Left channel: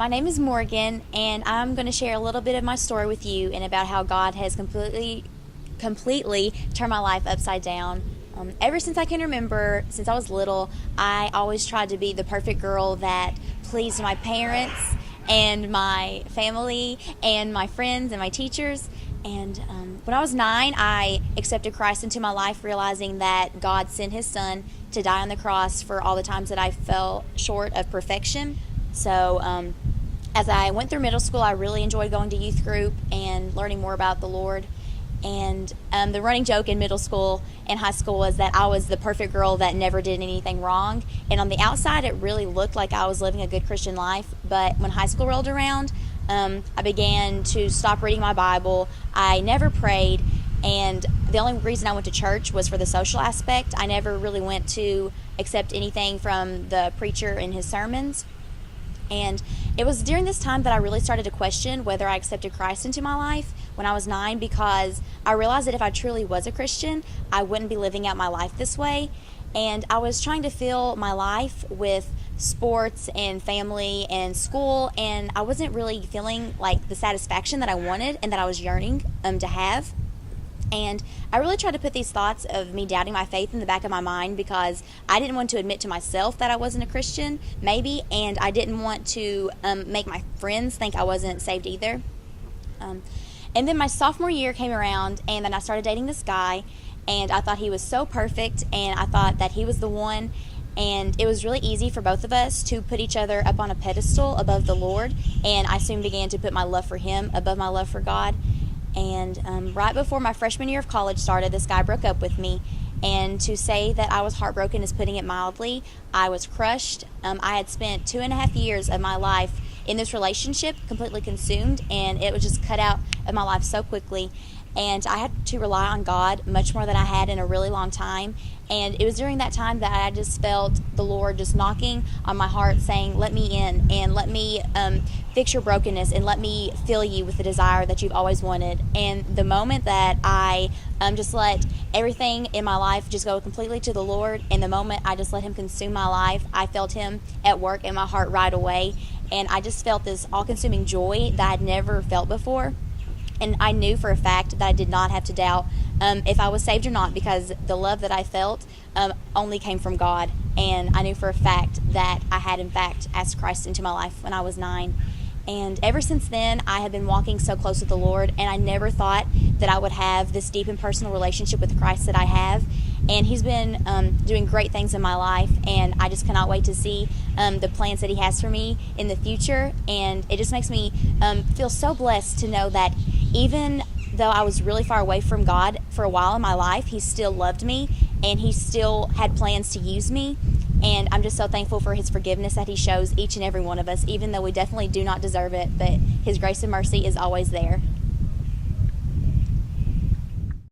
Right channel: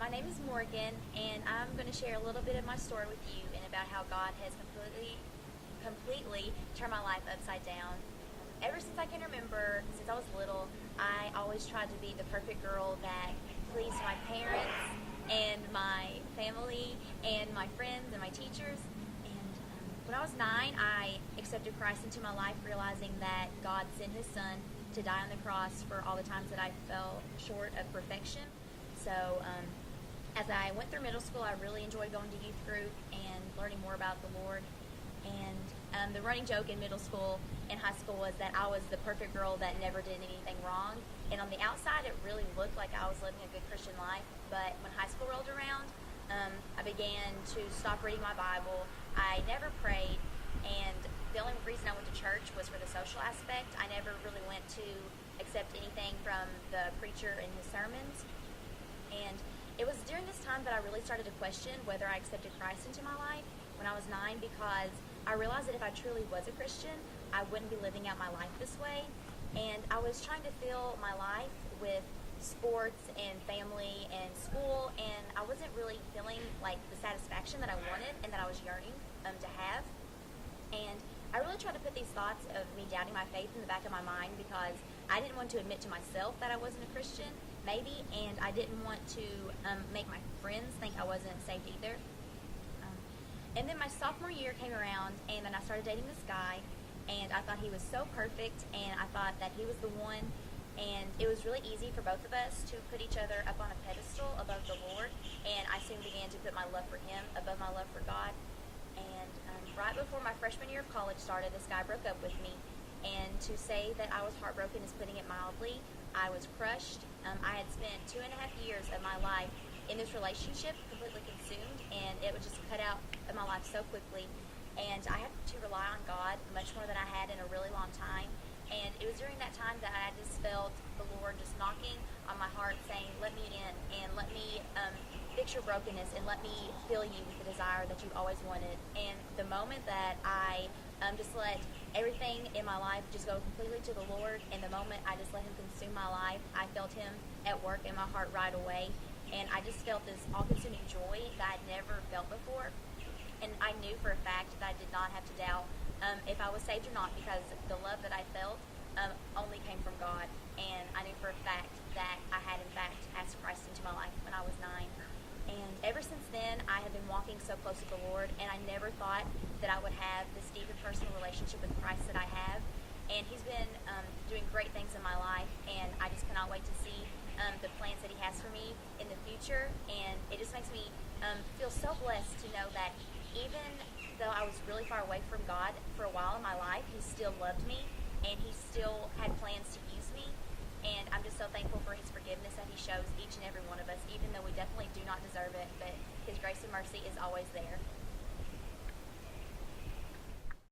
My name is Morgan, and I'm going to share a little bit of my story with you and about how God has completely turned my life upside down. Ever since I can remember, since I was little, I always tried to be the perfect girl that pleased my parents and my family and my friends and my teachers. And when I was 9, I accepted Christ into my life, realizing that God sent His Son to die on the cross for all the times that I fell short of perfection. So, as I went through middle school, I really enjoyed going to youth group and learning more about the Lord. And the running joke in middle school and high school was that I was the perfect girl that never did anything wrong. And on the outside, it really looked like I was living a good Christian life. But when high school rolled around, I began to stop reading my Bible. I never prayed. And the only reason I went to church was for the social aspect. I never really went to accept anything from the preacher in his sermons. And it was during this time that I really started to question whether I accepted Christ into my life when I was 9, because I realized that if I truly was a Christian, I wouldn't be living out my life this way. And I was trying to fill my life with sports and family and school, and I wasn't really feeling like the satisfaction that I wanted and that I was yearning to have. And I really tried to put these thoughts of me doubting my faith in the back of my mind, because I didn't want to admit to myself that I wasn't a Christian, maybe, and I didn't want to make my friends think I wasn't saved either. And then my sophomore year came around, and then I started dating this guy, and I thought he was so perfect, and I thought that he was the one. And it was really easy for both of us to put each other up on a pedestal above the Lord, and I soon began to put my love for him above my love for God. And right before my freshman year of college started, this guy broke up with me. And to say that I was heartbroken is putting it mildly. I was crushed. I had spent 2.5 years of my life in this relationship, completely consumed, and it was just cut out of my life so quickly. And I had to rely on God much more than I had in a really long time. And it was during that time that I just felt the Lord just knocking on my heart, saying, let me in, and let me fix your brokenness, and let me fill you with the desire that you've always wanted. And the moment that I just let everything in my life just go completely to the Lord, and the moment I just let Him consume my life, I felt Him at work in my heart right away. And I just felt this all-consuming joy that I'd never felt before. And I knew for a fact that I did not have to doubt if I was saved or not, because the love that I felt only came from God. And I knew for a fact that I had, in fact, asked Christ into my life when I was 9. And ever since then, I have been walking so close with the Lord, and I never thought that I would have this deep and personal relationship with Christ that I have. And He's been doing great things in my life, and I just cannot wait to see the plans that He has for me in the future. And it just makes me feel so blessed to know that even though I was really far away from God for a while in my life, He still loved me, and He still had plans to use me. And I'm just so thankful for His forgiveness that He shows each and every one of us, even though we definitely do not deserve it, but His grace and mercy is always there.